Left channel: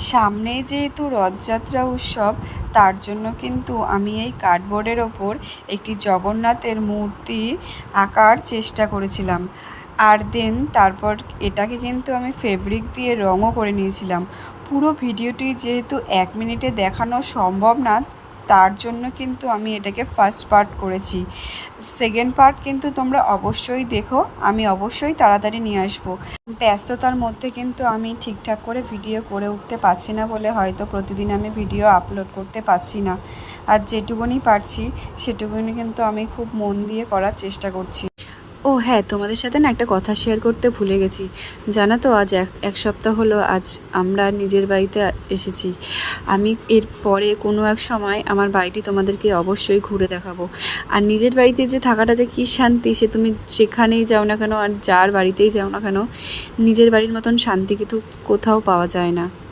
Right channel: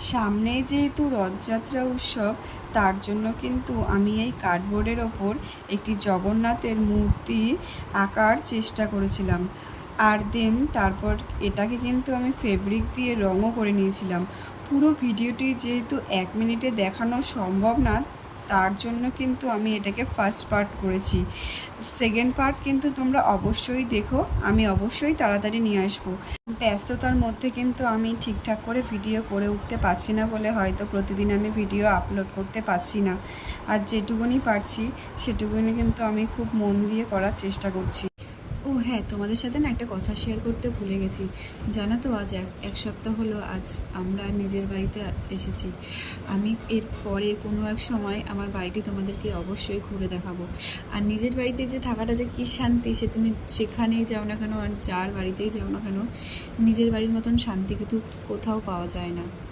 সামনেই যেহেতু রথযাত্রা উৎসব, তার জন্য কিন্তু আমি এই কার্ডবোর্ডের ওপর একটি জগন্নাথের মূর্তি আঁকার চেষ্টা করেছিলাম। আর দেন তারপর এটাকে কিন্তু আমি ফেব্রিক দিয়ে রঙও করে নিয়েছিলাম। পুরো ভিডিওটি যেহেতু 1 মিনিটে দেখানো সম্ভব না, তার জন্য কিন্তু আমি এটাকে ফার্স্ট পার্ট করেছি। সেকেন্ড পার্ট কিন্তু তোমরা অবশ্যই দেখো, আমি অবশ্যই তাড়াতাড়ি নিয়ে আসবো। ব্যস্ততার মধ্যে কিন্তু আমি ঠিকঠাক করে ভিডিও করে উঠতে পারছি না বলে হয়তো প্রতিদিন আমি ভিডিও আপলোড করতে পারছি না। আর যেটুকুনি পারছি সেটুকুনি কিন্তু আমি খুব মন দিয়ে করার চেষ্টা করছি। ও হ্যাঁ, তোমাদের সাথে না একটা কথা শেয়ার করতে ভুলে গেছি। জানো তো, আজ এক সপ্তাহ হলো আজ আমরা নিজের বাড়িতে এসেছি। আমি এর পরে কোনো এক সময় আমার বাড়িটি তোমাদেরকে অবশ্যই ঘুরে দেখাবো। আর নিজের বাড়িতে যে থাকাটা যে কী শান্তি, সে তুমি যেখানেই যাও না কেন আর যার বাড়িতেই যাও না কেন, নিজের বাড়ির মতন শান্তি কিন্তু কোথাও পাওয়া যায় না।